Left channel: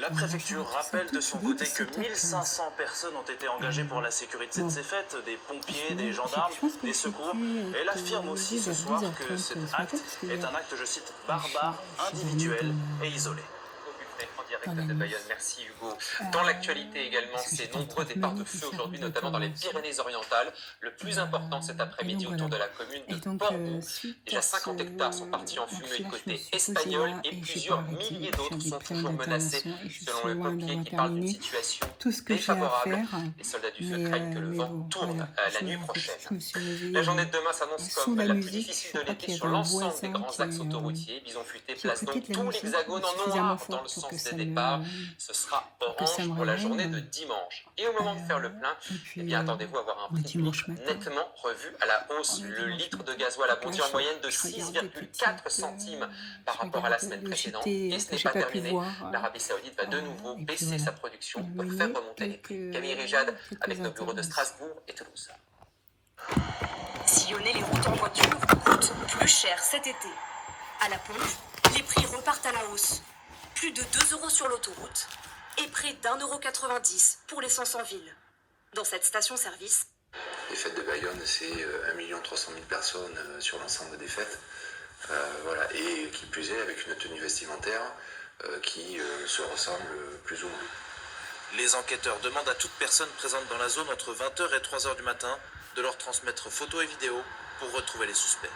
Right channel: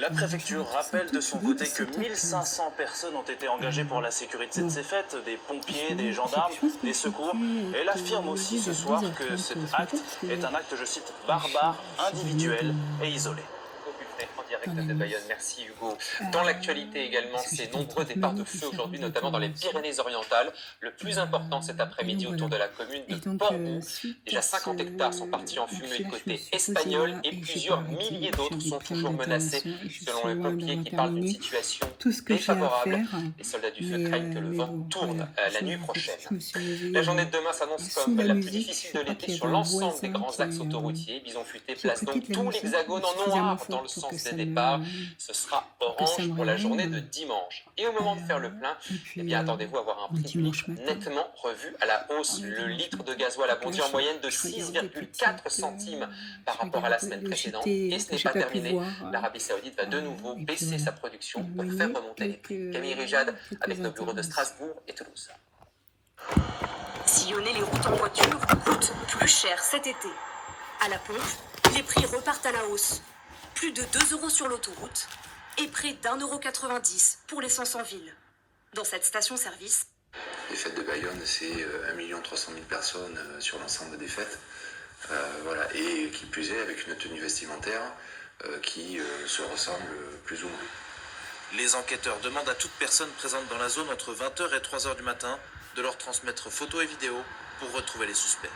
La Bonjour préfecture à tous et à rappelle de toutes, son il est côté que 17h15. 1500 personnes ont été engagées pour la sécurité de Bon, ces fêtes, des pompiers, des je gendarmes, pense que des j'ai secours. dû Elle être affirme aussi levée ce vers soir que 10h30 cet ce matin acte parce que est un acte, je cite, je, barbare, je dormais individuel et isolé. En dans direct la de nuit. Bayonne, merci Hugo. Dans l'actualité également, Parce que c'est j'étais en train nombreux de départs de manier feu différentes aujourd'hui, notamment dans les informations. Pyrénées-Orientales. Le Et, plus important cet et donc après-midi voilà. autour de la commune de Et donc Portbou. suite Déjà à 50 hectares sont partis en donc fumée là, je me côté suis posée espagnol là et et j'ai pas plusieurs arrêté. milliers d'autres J'avais sont plein toujours menacés, d'interventions et je selon suis les loin pompiers d'avoir qui parlent d'une terminé situation tout ce que j'ai à défavorable. faire. Les soldats du feu craignent que le Mais vent bon, tourne voilà. la nuit prochaine. Je me suis levée La journée de demain s'annonce sous comme la la plus musique. difficile Je de crois l'été qu'il y sur avait un l'ensemble des voisin grands axes autoroutiers. Bison futé qui place écoutait donc de la tout musique l'hexagone en suffisamment noir dans le forte pour que sens des ça départs. Ce sera me orange pour la journée de réveille. dimanche. Et au moment de faire le plein, Et eh puis, bien attendez-vous à avoir un on est prix du litre dimanche matin. nettement revu à la hausse. On est Le dimanche litre de matin. gasoil a Donc là, bondi en moyenne de je regarde des 6,4 centimes par je rapport à la regarde semaine le précédente. JT Et ce que n'est j'ai pas pas pu terminé. voir. L'Arabie Saoudite va de nouveau Et puis baisser voilà. sa production On a pour faire mené remonter les prix. Camille Rijad avec nos bureaux de Strasbourg et Toulouse. Sillonner les routes en voiture coûte plus cher cet été. À la pompe, les prix repartent à la hausse. Plus de 2 € sur l'autoroute et près d'1,90 € pour l'essence en ville. Dans cette station-service, Les fêtes de Bayonne, c'est 1 300 000 personnes sur l'ensemble des fêtes. Voilà. Et qui plus est, avec une tenue vestimentaire qui se ressemble plus ou moins. Les enquêteurs demandent à toute personne présente dans la zone entre 20h et 3h du matin de leur transmettre photos et vidéos pour retrouver les suspects.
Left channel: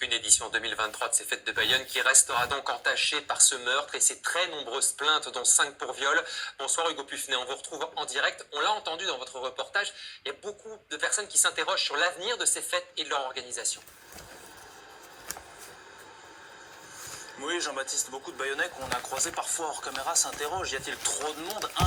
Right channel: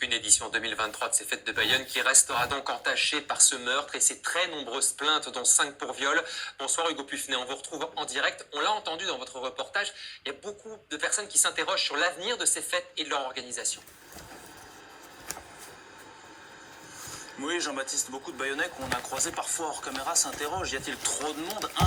Une édition 2023 de ces fêtes de Bayonne qui restera donc entachée par ce meurtre et ses très nombreuses plaintes, dont 5 pour viol. Bonsoir Hugo Puffnet, on vous retrouve en direct. On l'a entendu dans votre reportage, il y a beaucoup de personnes qui s'interrogent sur l'avenir de ces fêtes et de leur organisation. Oui, Jean-Baptiste, beaucoup de Bayonnais qu'on a croisés parfois hors caméra s'interrogent. Y a-t-il trop de monde? 1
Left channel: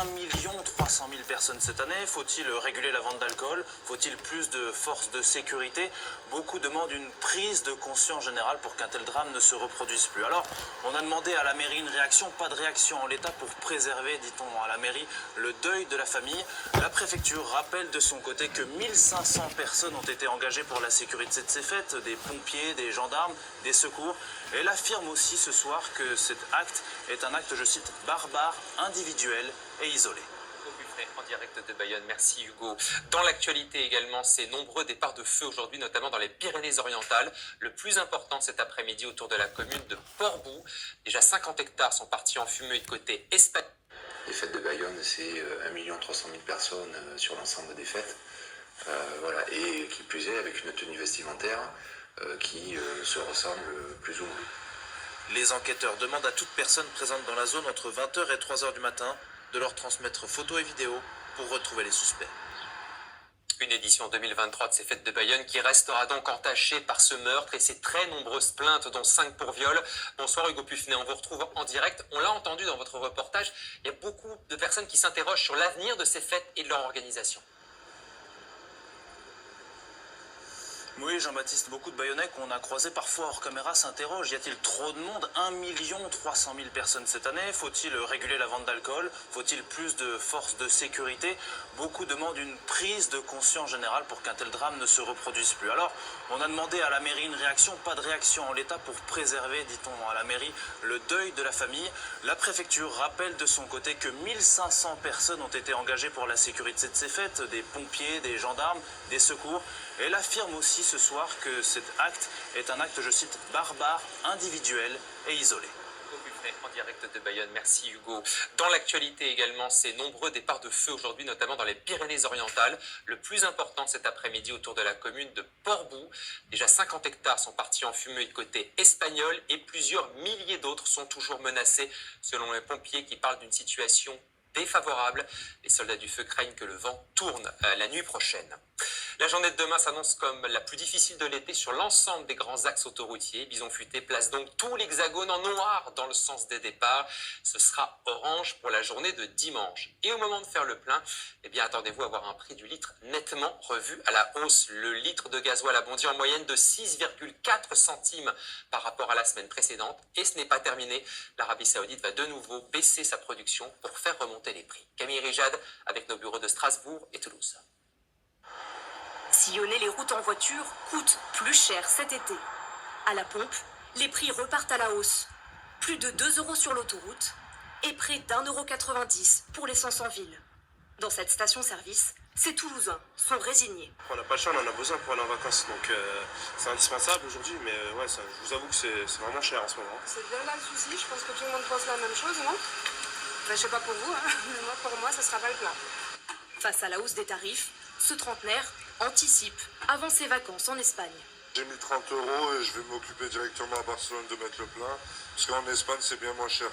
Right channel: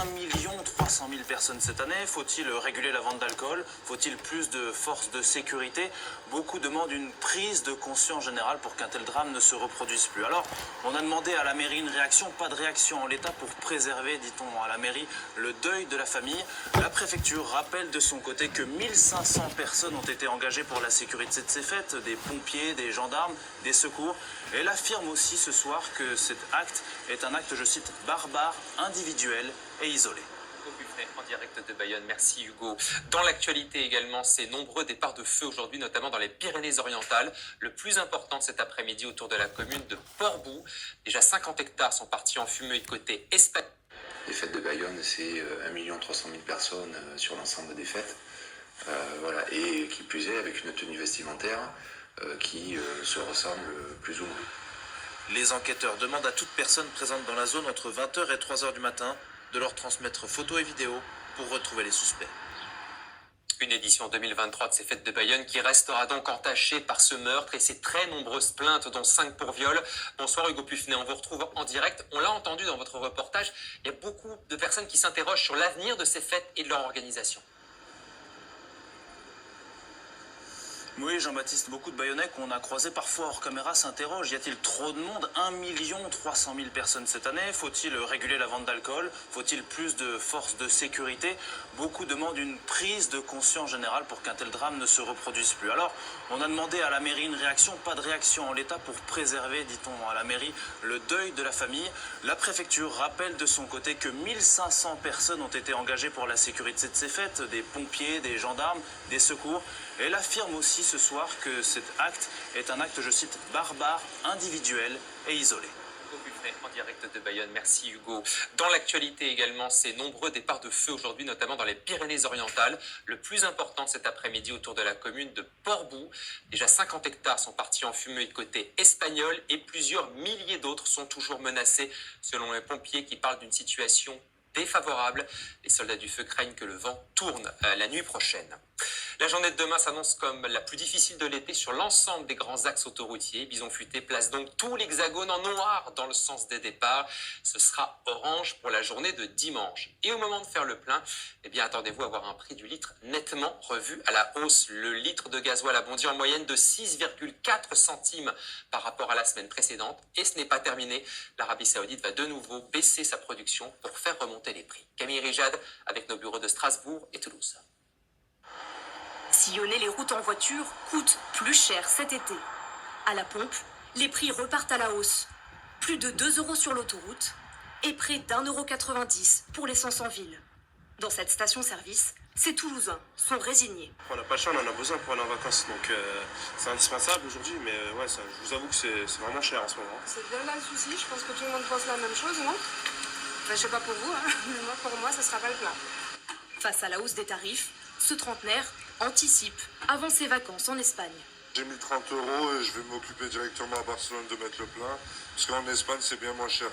300 000 personnes cette année. Faut-il réguler la vente d'alcool? Faut-il plus de forces de sécurité? Beaucoup demandent une prise de conscience générale pour qu'un tel drame ne se reproduise plus. Alors, on a demandé à la mairie une réaction. Pas de réaction en l'état pour préserver, dit-on à la mairie, le deuil de la famille. La préfecture rappelle de son côté que 1500 personnes ont été engagées pour la sécurité de ces fêtes. Des pompiers, des gendarmes, des secours. Elle affirme aussi ce soir que cet acte est un acte, je cite, barbare, individuel et isolé. En direct de Bayonne, merci Hugo. Dans l'actualité également, ces nombreux départs de feu aujourd'hui, notamment dans les Pyrénées-Orientales. Le plus important cet après-midi autour de la commune de Portbou. Déjà 50 hectares sont partis en fumée côté espagnol. Les fêtes de Bayonne, c'est 1 300 000 personnes sur l'ensemble des fêtes. Voilà. Et qui plus est, avec une tenue vestimentaire qui se ressemble plus ou moins. Les enquêteurs demandent à toute personne présente dans la zone entre 20h et 3h du matin de leur transmettre photos et vidéos pour retrouver les suspects. Une édition 2023 de ces fêtes de Bayonne qui restera donc entachée par ce meurtre et ses très nombreuses plaintes, dont 5 pour viol. Bonsoir Hugo Puffnet, on vous retrouve en direct. On l'a entendu dans votre reportage, il y a beaucoup de personnes qui s'interrogent sur l'avenir de ces fêtes et de leur organisation. Oui, Jean-Baptiste, beaucoup de Bayonnais qu'on a croisés parfois hors caméra s'interrogent. Y a-t-il trop de monde? 1 300 000 personnes cette année. Faut-il réguler la vente d'alcool? Faut-il plus de forces de sécurité? Beaucoup demandent une prise de conscience générale pour qu'un tel drame ne se reproduise plus. Alors, on a demandé à la mairie une réaction. Pas de réaction en l'état pour préserver, dit-on à la mairie, le deuil de la famille. La préfecture rappelle de son côté que 1500 personnes ont été engagées pour la sécurité de ces fêtes. Des pompiers, des gendarmes, des secours. Elle affirme aussi ce soir que cet acte est un acte, je cite, barbare, individuel et isolé. En direct de Bayonne, merci Hugo. Dans l'actualité également, ces nombreux départs de feu aujourd'hui, notamment dans les Pyrénées-Orientales. Le plus important cet après-midi autour de la commune de Portbou. Déjà 50 hectares sont partis en fumée côté espagnol et plusieurs milliers d'autres sont toujours menacés, selon les pompiers qui parlent d'une situation défavorable. Les soldats du feu craignent que le vent tourne la nuit prochaine. La journée de demain s'annonce comme la plus difficile de l'été sur l'ensemble des grands axes autoroutiers. Bison futé place donc tout l'hexagone en noir dans le sens des départs. Ce sera orange pour la journée de dimanche. Et au moment de faire le plein, eh bien attendez-vous à avoir un prix du litre nettement revu à la hausse. Le litre de gasoil a bondi en moyenne de 6,4 centimes par rapport à la semaine précédente. Et ce n'est pas terminé. L'Arabie Saoudite va de nouveau baisser sa production pour faire remonter les prix. Camille Rijad avec nos bureaux de Strasbourg et Toulouse. sillonner les routes en voiture coûte plus cher cet été. À la pompe, les prix repartent à la hausse. Plus de 2 € sur l'autoroute et près d'1,90 € pour l'essence en ville. Dans cette station-service, ces Toulousains sont résignés. On n'a pas le choix, on en a besoin pour aller en vacances, donc c'est indispensable aujourd'hui, mais ouais, ça, je vous avoue que c'est vraiment cher en ce moment. C'est bien là le souci, je pense que tout le monde pense la même chose, non? Enfin, je sais pas pour vous, hein, mais moi, pour moi, ce sera pas le plein. Face à la hausse des tarifs, ce trentenaire anticipe avant ses vacances en Espagne. J'ai mis 30 € et je vais m'occuper directement à Barcelone de mettre le plein, parce qu'en Espagne c'est bien moins cher.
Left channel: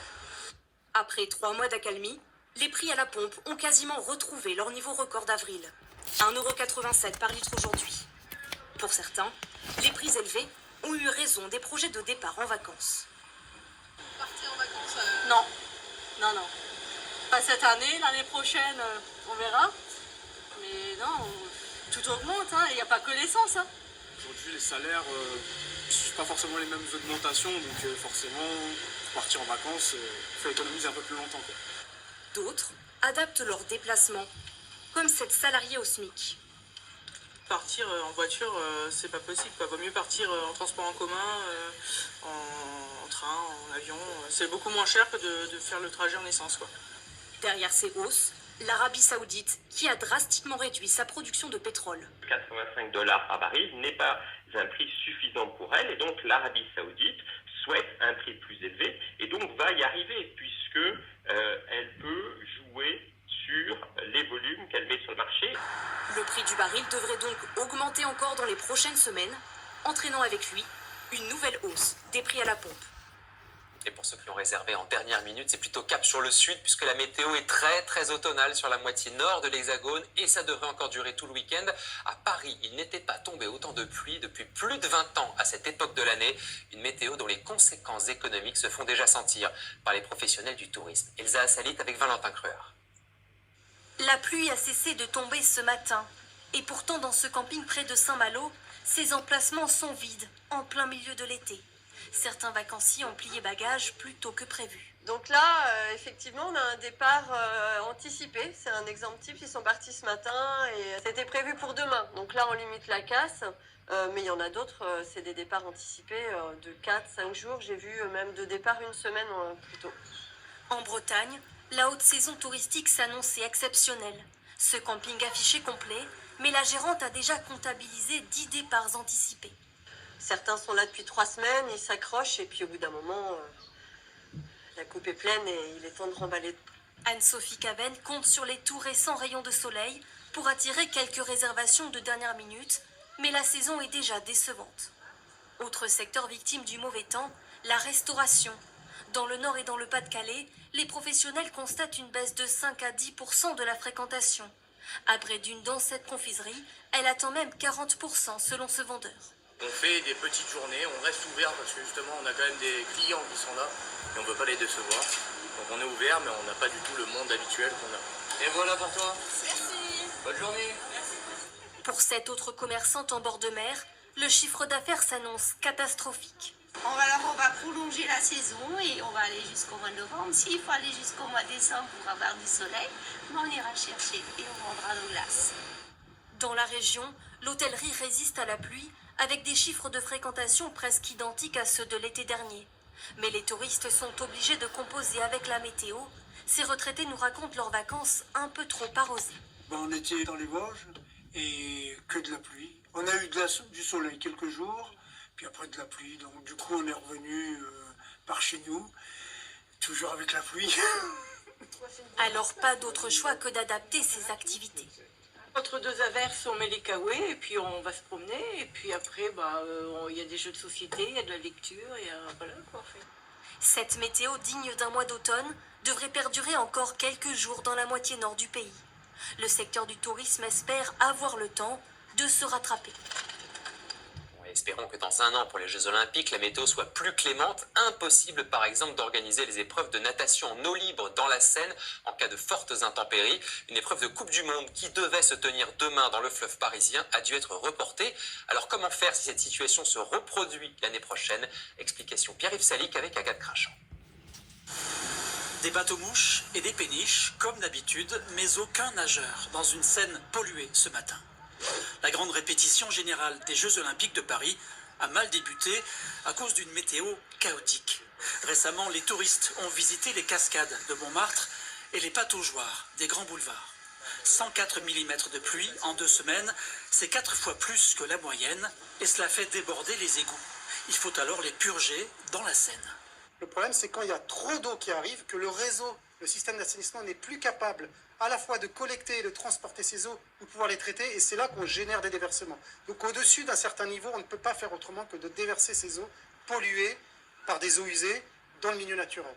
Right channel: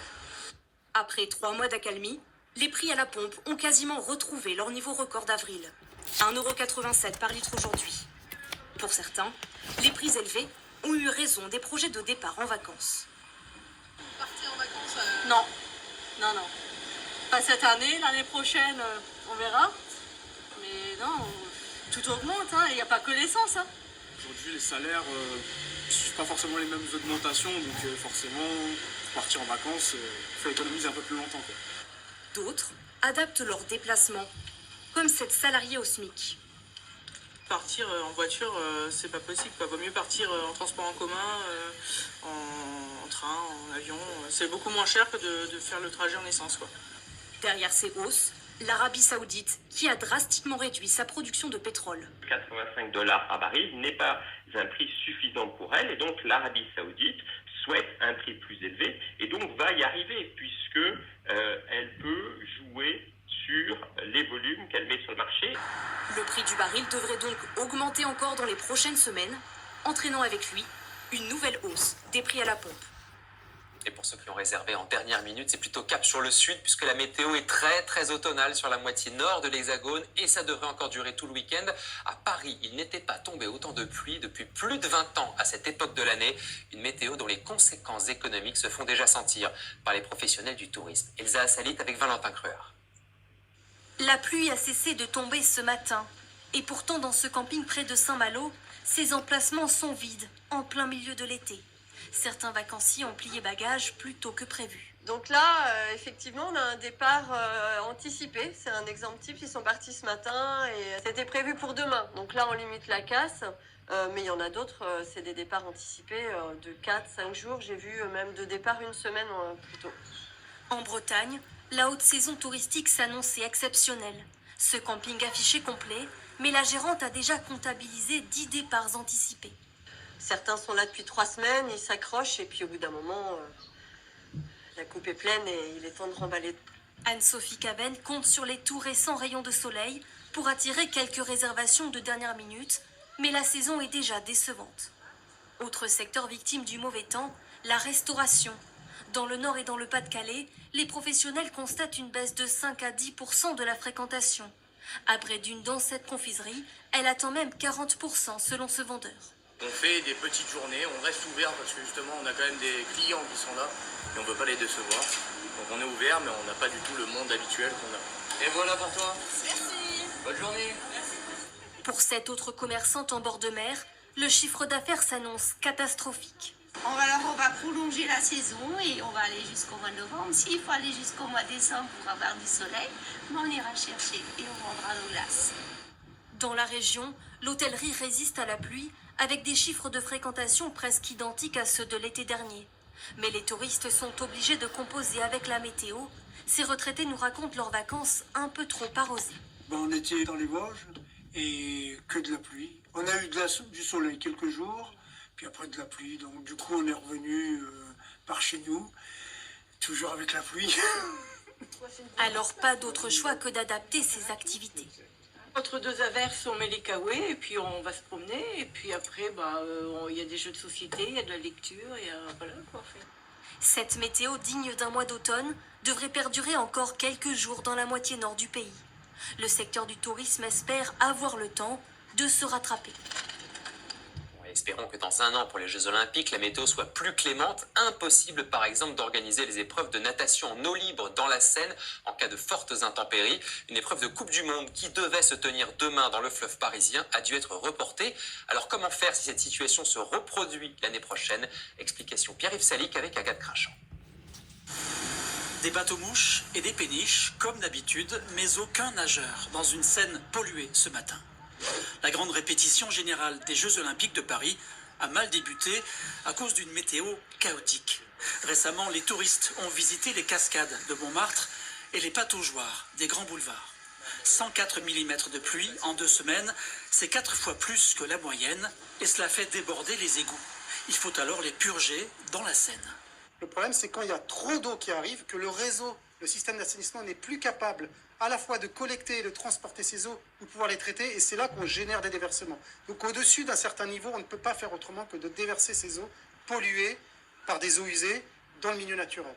Après 3 mois d'accalmie, les prix à la pompe ont quasiment retrouvé leur niveau record d'avril. 1,87 € par litre aujourd'hui. Pour certains, les prix élevés ont eu raison des projets de départ en vacances. Partir en vacances Non, non. Pas cette année, l'année prochaine, on verra. Mais non, tout augmente, il n'y a pas que l'essence. Aujourd'hui, les salaires ne suivent pas forcément les mêmes augmentations, donc forcément, partir en vacances, il faut économiser un peu plus longtemps, quoi. D'autres adaptent leur déplacement, comme cette salariée au SMIC. Partir en voiture, c'est pas possible, quoi. Vaut mieux partir en transport en commun, en train, en avion. C'est beaucoup moins cher que de faire le trajet en essence, quoi. Derrière ces hausses, l'Arabie Saoudite, qui a drastiquement réduit sa production de pétrole. 85 $ par baril n'est pas un prix suffisant pour elle, et donc l'Arabie Saoudite souhaite un prix plus élevé, et donc va y arriver, puisque elle peut jouer sur les volumes qu'elle met sur le marché. Le prix du baril devrait donc augmenter encore dans les prochaines semaines, entraînant avec lui une nouvelle hausse des prix à la pompe. Et pour ceux qui ont réservé en dernière minute, c'est plutôt cap sur le sud, puisque la météo est très très automnale sur la moitié nord de l'Hexagone, et ça devrait encore durer tout le week-end. À Paris, il n'était pas tombé autant de pluie depuis plus de 20 ans à cette époque de l'année, une météo dont les conséquences économiques se font déjà sentir par les professionnels du tourisme. Elsa Assalit avec Valentin Creur. La pluie a cessé de tomber ce matin, et pourtant dans ce camping près de Saint-Malo, ces emplacements sont vides, en plein milieu de l'été. Certains vacanciers ont plié bagages plus tôt que prévu. Donc là, effectivement, on a un départ anticipé. C'est un exemple type. Ils sont partis ce matin et c'était prévu pour demain. Donc là, on limite la casse. Mais il y en a d'autres, c'est des départs anticipés de 4-5 jours. J'ai vu même de départ une semaine plus tôt. En Bretagne, la haute saison touristique s'annonçait exceptionnelle. Ce camping affiché complet, mais la gérante a déjà comptabilisé 10 départs anticipés. Certains sont là depuis 3 semaines, ils s'accrochent et puis au bout d'un moment, la coupe est pleine et il est temps de remballer. Anne-Sophie Caben compte sur les tout récents rayons de soleil pour attirer quelques réservations de dernière minute, mais la saison est déjà décevante. Autre secteur victime du mauvais temps, la restauration. Dans le Nord et dans le Pas-de-Calais, les professionnels constatent une baisse de 5 à 10% de la fréquentation. À Brédune, dans cette confiserie, elle attend même 40% selon ce vendeur. On fait des petites journées, on reste ouvert parce que justement on a quand même des clients qui sont là et on ne veut pas les décevoir. Donc on est ouvert mais on n'a pas du tout le monde habituel qu'on a. Et voilà pour toi. Merci. Bonne journée. Pour cette autre commerçante en bord de mer, le chiffre d'affaires s'annonce catastrophique. On va prolonger la saison et on va aller jusqu'au mois de novembre. S'il faut aller jusqu'au mois de décembre pour avoir du soleil, on ira chercher et on vendra nos glaces. Dans la région, l'hôtellerie résiste à la pluie avec des chiffres de fréquentation presque identiques à ceux de l'été dernier. Mais les touristes sont obligés de composer avec la météo. Ces retraités nous racontent leurs vacances un peu trop arrosées. On était dans les Vosges et que de la pluie. On a eu du soleil quelques jours, puis après de la pluie. Donc du coup on est revenu par chez nous, toujours avec la pluie. Alors pas d'autre choix que d'adapter ses activités. Entre 2 averses, on met les caouets et puis on va se promener. Et puis après, il y a des jeux de société, il y a de la lecture et voilà quoi on fait. Cette météo digne d'un mois d'automne devrait perdurer encore quelques jours dans la moitié nord du pays. Le secteur du tourisme espère avoir le temps de se rattraper. Espérons que dans 1 an, pour les Jeux Olympiques, la météo soit plus clémente. Impossible, par exemple, d'organiser les épreuves de natation en eau libre dans la Seine en cas de fortes intempéries. Une épreuve de Coupe du Monde qui devait se tenir demain dans le fleuve parisien a dû être reportée. Alors comment faire si cette situation se reproduit l'année prochaine? Explication Pierre-Yves Salic avec Agathe Crachin. Des bateaux-mouches et des péniches, comme d'habitude, mais aucun nageur dans une Seine polluée ce matin. La grande répétition générale des Jeux Olympiques de Paris a mal débuté à cause d'une météo chaotique. Récemment, les touristes ont visité les cascades de Montmartre et les pataugeoires des grands boulevards. 104 mm de pluie en 2 semaines, c'est 4 fois plus que la moyenne et cela fait déborder les égouts. Il faut alors les purger dans la Seine. Le problème, c'est quand il y a trop d'eau qui arrive, que le réseau, le système d'assainissement n'est plus capable à la fois de collecter et de transporter ces eaux, de pouvoir les traiter, et c'est là qu'on génère des déversements. Donc au-dessus d'un certain niveau, on ne peut pas faire autrement que de déverser ces eaux polluées par des eaux usées dans le milieu naturel.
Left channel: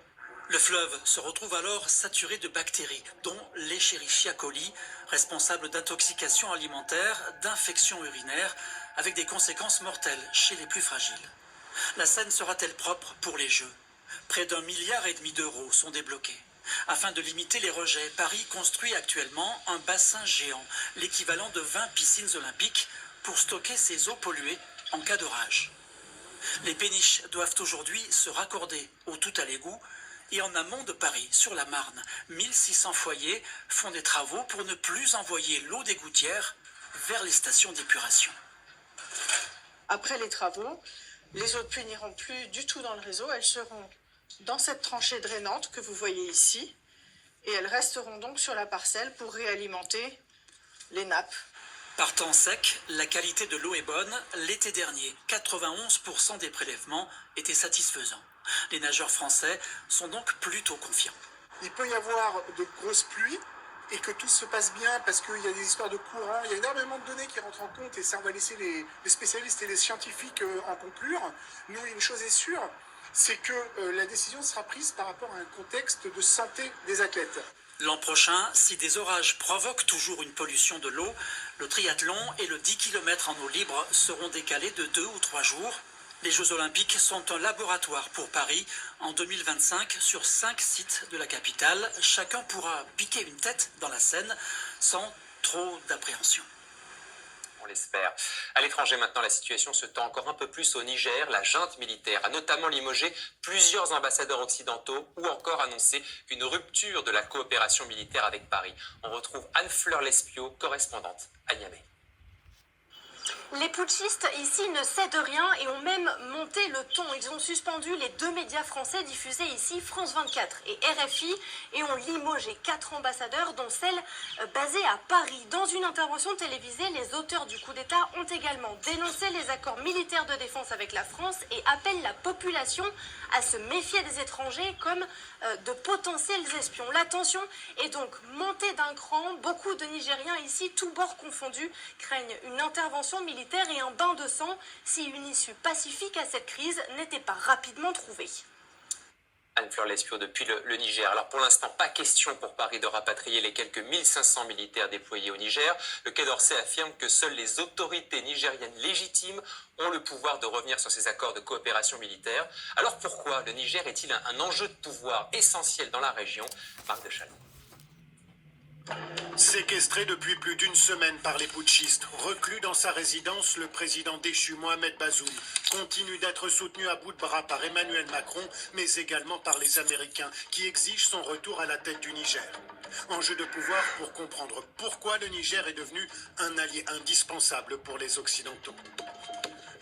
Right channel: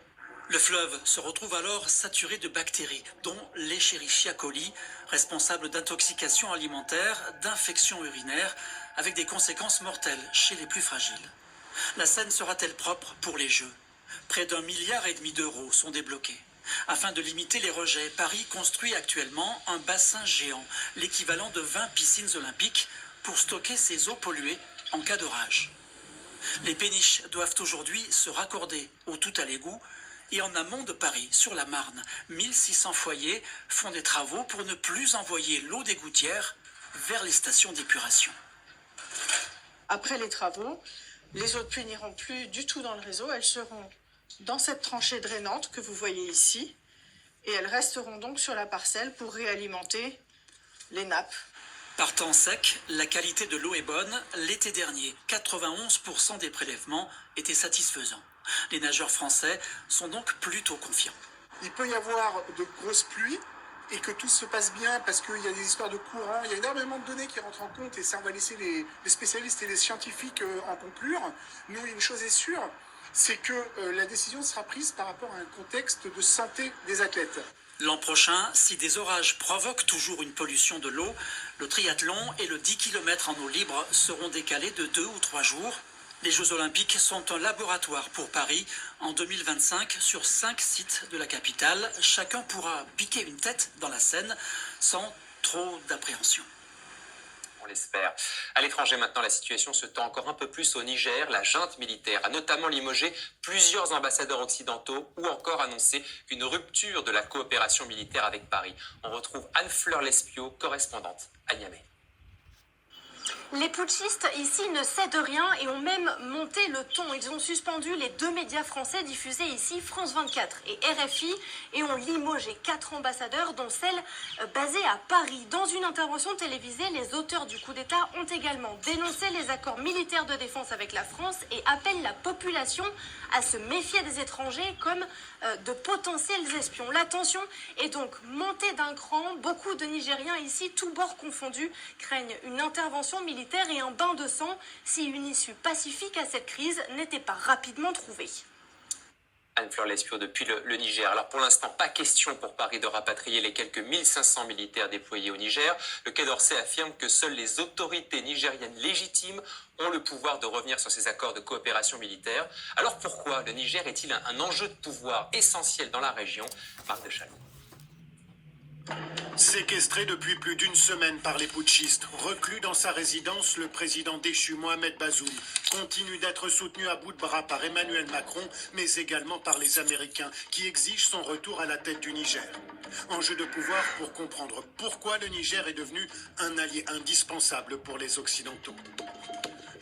Le fleuve se retrouve alors saturé de bactéries, dont l'Escherichia coli, responsable d'intoxication alimentaire, d'infections urinaires, avec des conséquences mortelles chez les plus fragiles. La Seine sera-t-elle propre pour les Jeux ? Près d'1,5 milliard d'euros sont débloqués. Afin de limiter les rejets, Paris construit actuellement un bassin géant, l'équivalent de 20 piscines olympiques, pour stocker ces eaux polluées en cas d'orage. Les péniches doivent aujourd'hui se raccorder au tout à l'égout, et en amont de Paris, sur la Marne, 1600 foyers font des travaux pour ne plus envoyer l'eau des gouttières vers les stations d'épuration. Après les travaux, les eaux de pluie n'iront plus du tout dans le réseau, elles seront dans cette tranchée drainante que vous voyez ici, et elles resteront donc sur la parcelle pour réalimenter les nappes. Par temps sec, la qualité de l'eau est bonne. L'été dernier, 91% des prélèvements étaient satisfaisants. Les nageurs français sont donc plutôt confiants. Il peut y avoir de grosses pluies et que tout se passe bien parce qu'il y a des histoires de courant, il y a énormément de données qui rentrent en compte et ça on va laisser les spécialistes et les scientifiques en conclure. Nous, une chose est sûre, c'est que la décision sera prise par rapport à un contexte de santé des athlètes. L'an prochain, si des orages provoquent toujours une pollution de l'eau, le triathlon et le 10 km en eau libre seront décalés de 2 ou 3 jours. Les Jeux Olympiques sont un laboratoire pour Paris. En 2025, sur 5 sites de la capitale, chacun pourra piquer une tête dans la Seine sans trop d'appréhension. On l'espère. À l'étranger maintenant, la situation se tend encore un peu plus au Niger. La junte militaire a notamment limogé plusieurs ambassadeurs occidentaux ou encore annoncé une rupture de la coopération militaire avec Paris. On retrouve Anne-Fleur Lespio, correspondante à Niamey. Les putschistes ici ne cèdent rien et ont même monté le ton. Ils ont suspendu les 2 médias français diffusés ici, France 24 et RFI, et ont limogé 4 ambassadeurs, dont celle basée à Paris. Dans une intervention télévisée, les auteurs du coup d'État ont également dénoncé les accords militaires de défense avec la France et appellent la population à se méfier des étrangers comme de potentiels espions. La tension est donc montée d'un cran. Beaucoup de Nigériens ici, tous bords confondus, craignent une intervention militaire et un bain de sang si une issue pacifique à cette crise n'était pas rapidement trouvée. Anne-Fleur Lespio depuis le Niger. Alors pour l'instant, pas question pour Paris de rapatrier les quelques 1500 militaires déployés au Niger. Le Quai d'Orsay affirme que seules les autorités nigériennes légitimes ont le pouvoir de revenir sur ces accords de coopération militaire. Alors pourquoi le Niger est-il un enjeu de pouvoir essentiel dans la région? Marc de Chalon. Séquestré depuis plus d'une semaine par les putschistes, reclus dans sa résidence, le président déchu Mohamed Bazoum continue d'être soutenu à bout de bras par Emmanuel Macron, mais également par les Américains qui exigent son retour à la tête du Niger. Enjeu de pouvoir pour comprendre pourquoi le Niger est devenu un allié indispensable pour les Occidentaux.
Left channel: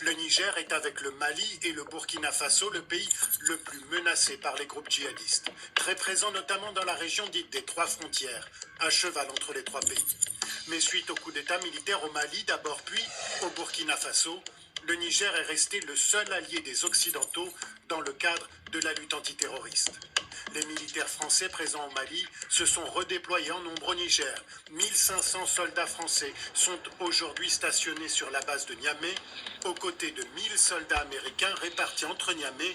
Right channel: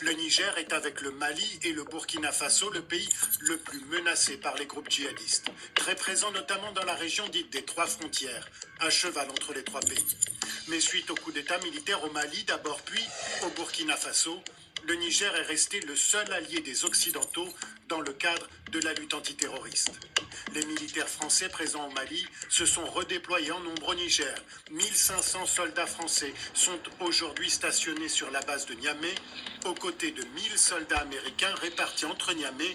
Le Niger est avec le Mali et le Burkina Faso le pays le plus menacé par les groupes djihadistes, très présent notamment dans la région dite des 3 frontières, à cheval entre les 3 pays. Mais suite au coup d'État militaire au Mali d'abord puis au Burkina Faso, le Niger est resté le seul allié des Occidentaux dans le cadre de la lutte antiterroriste. Les militaires français présents au Mali se sont redéployés en nombre au Niger. 1500 soldats français sont aujourd'hui stationnés sur la base de Niamey, aux côtés de 1000 soldats américains répartis entre Niamey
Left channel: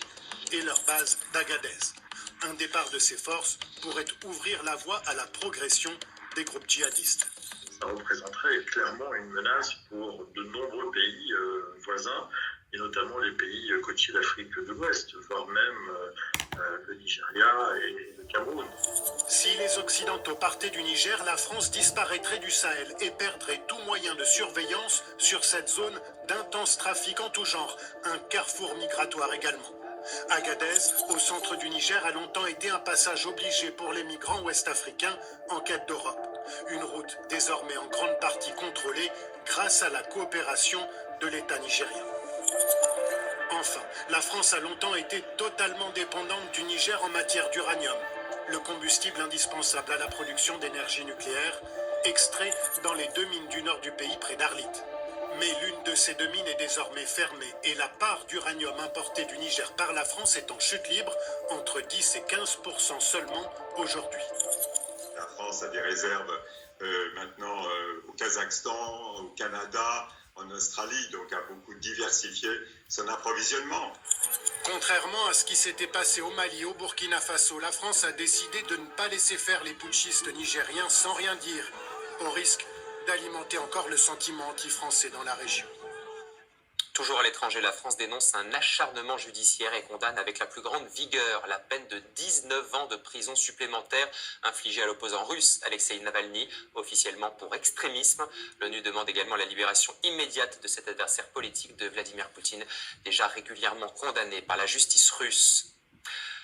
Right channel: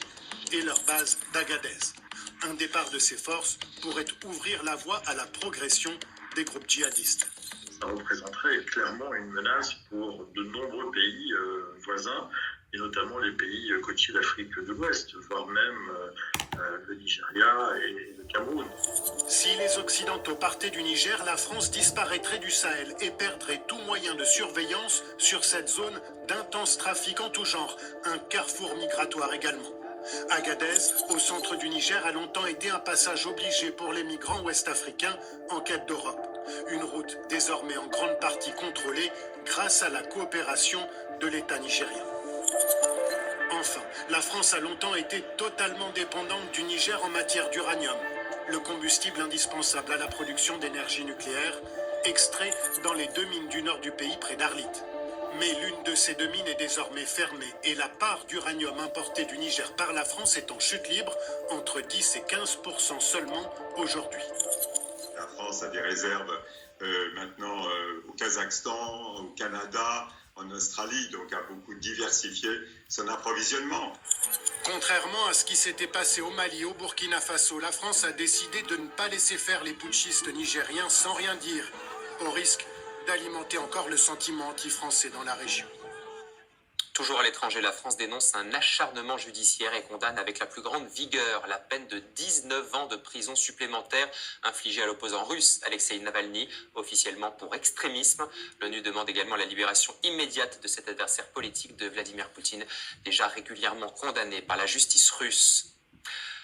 et leur base d'Agadez. Un départ de ces forces pourrait ouvrir la voie à la progression des groupes djihadistes. Ça représenterait clairement une menace pour de nombreux pays voisins, et notamment les pays côtiers d'Afrique de l'Ouest, voire même le Nigeria et le Cameroun. Si les Occidentaux partaient du Niger, la France disparaîtrait du Sahel et perdrait tout moyen de surveillance sur cette zone d'intense trafic en tout genre, un carrefour migratoire également. Agadez, au centre du Niger, a longtemps été un passage obligé pour les migrants ouest-africains en quête d'Europe. Une route désormais en grande partie contrôlée grâce à la coopération de l'État nigérien. Enfin, la France a longtemps été totalement dépendante du Niger en matière d'uranium, le combustible indispensable à la production d'énergie nucléaire, extrait dans les 2 mines du nord du pays près d'Arlit. Mais l'une de ces 2 mines est désormais fermée et la part d'uranium importé du Niger par la France est en chute libre, entre 10 et 15% seulement aujourd'hui. La France a des réserves maintenant au Kazakhstan, au Canada, en Australie, donc a beaucoup diversifié son approvisionnement. Contrairement à ce qui s'était passé au Mali, au Burkina Faso, la France a décidé de ne pas laisser faire les putschistes nigériens sans rien dire, au risque d'alimenter encore le sentiment anti-français dans la région. Toujours à l'étranger, la France dénonce un acharnement judiciaire et condamne avec la plus grande vigueur la peine de 19 ans de prison supplémentaire infligée à l'opposant russe Alexei Navalny, officiellement pour extrémisme. L'ONU demande également la libération immédiate de cet adversaire politique de Vladimir Poutine, déjà régulièrement condamné par la justice russe.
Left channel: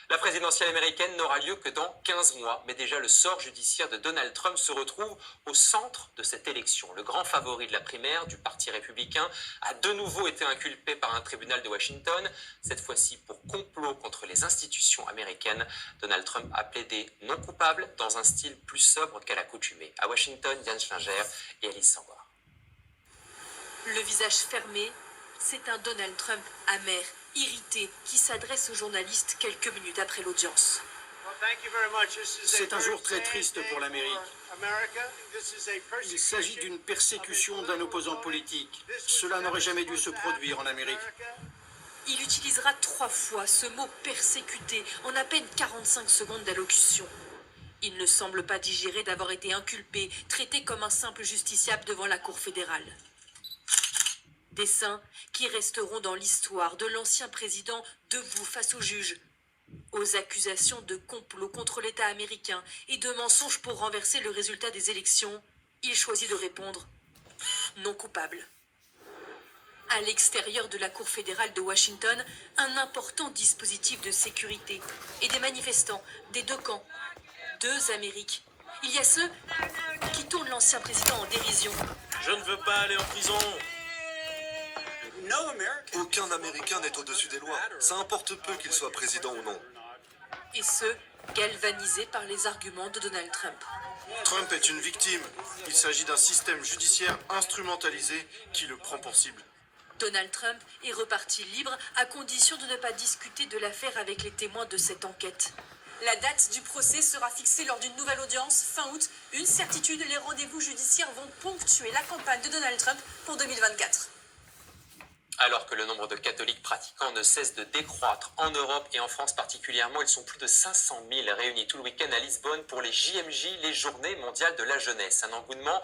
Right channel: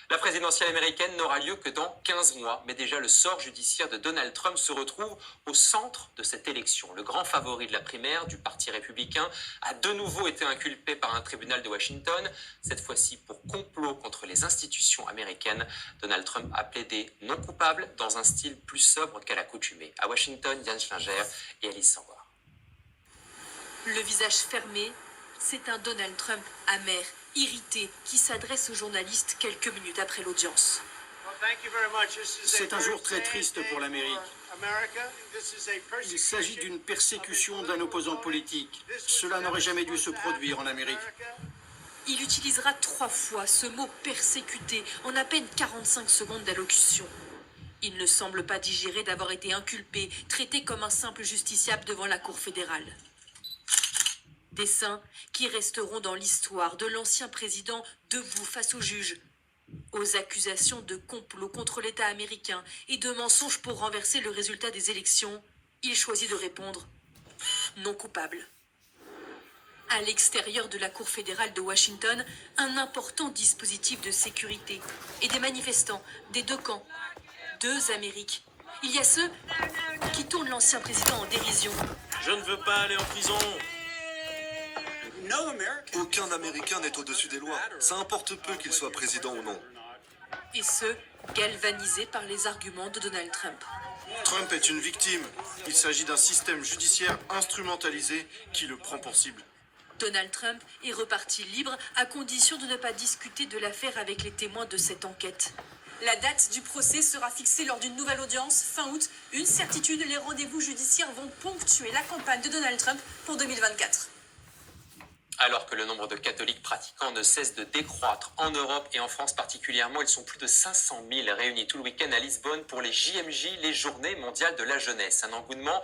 La présidentielle américaine n'aura lieu que dans 15 mois, mais déjà le sort judiciaire de Donald Trump se retrouve au centre de cette élection. Le grand favori de la primaire du Parti républicain a de nouveau été inculpé par un tribunal de Washington, cette fois-ci pour complot contre les institutions américaines. Donald Trump a plaidé non coupable dans un style plus sobre qu'à l'accoutumée. À Washington, Diane Schlinger et Alice Sangor. Le visage fermé, c'est un Donald Trump amer, irrité, qui s'adresse aux journalistes quelques minutes après l'audience. C'est un jour très triste pour l'Amérique. Il s'agit d'une persécution d'un opposant politique. Cela n'aurait jamais dû se produire en Amérique. Il utilisera 3 fois ce mot persécuté en à peine 45 secondes d'allocution. Il ne semble pas digérer d'avoir été inculpé, traité comme un simple justiciable devant la Cour fédérale. Des saints qui resteront dans l'histoire de l'ancien président debout face aux juges, aux accusations de complot contre l'État américain et de mensonges pour renverser le résultat des élections. Il choisit de répondre non coupable. À l'extérieur de la Cour fédérale de Washington, un important dispositif de sécurité et des manifestants des 2 camps, 2 Amériques. Il y a ceux qui tournent l'ancien président en dérision. Je ne veux pas aller en prison. Aucun Américain n'est au-dessus des lois. Ça importe peu qu'il soit président ou non. Et ceux galvanisés par les arguments de Donald Trump. Trump est une victime. Il s'agit d'un système judiciaire instrumentalisé qui le prend pour cible. Donald Trump est reparti libre à condition de ne pas discuter de l'affaire avec les témoins de cette enquête. La date du procès sera fixée lors d'une nouvelle audience fin août. Une certitude, les rendez-vous judiciaires vont ponctuer la campagne de Donald Trump pour 2024. Alors que le nombre de catholiques pratiquants ne cesse de décroître en Europe et en France particulièrement, ils sont plus de 500 000 réunis tout le week-end à Lisbonne pour les JMJ, les Journées mondiales de la jeunesse. Un engouement